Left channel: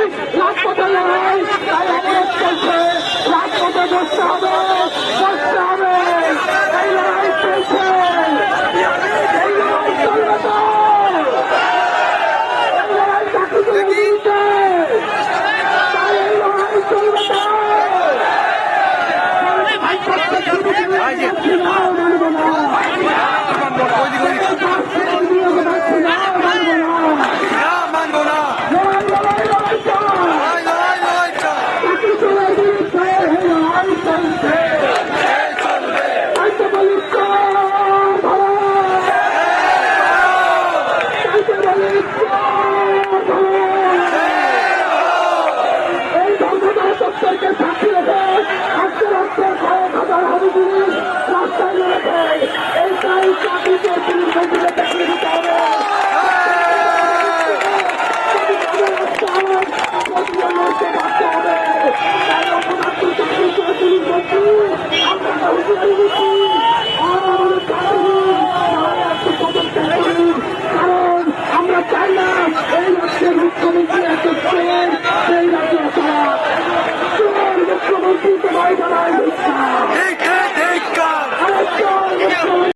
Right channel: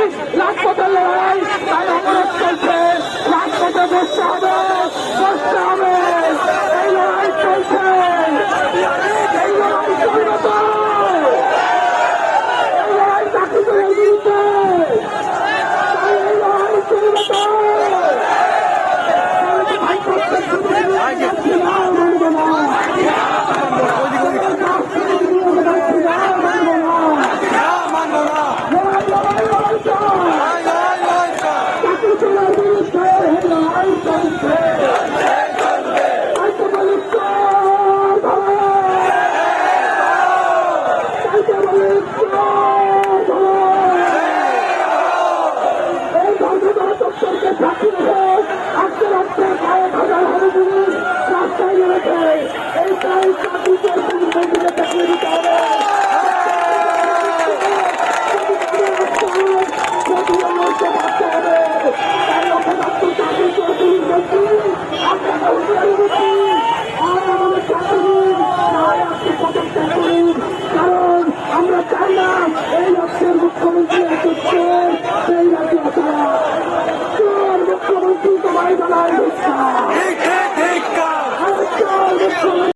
লড়াই, রাজপথের লড়াই, তাই অবরোধ চলছে, রাজপথে বসতে হবে, বসতে হবে, এই লড়াই চলছে, এই লড়াই চলবে তো, এই লড়াই চাকরিতে দিতে, তাই এই লড়াই চলবে তো, মানব না, মানবো না।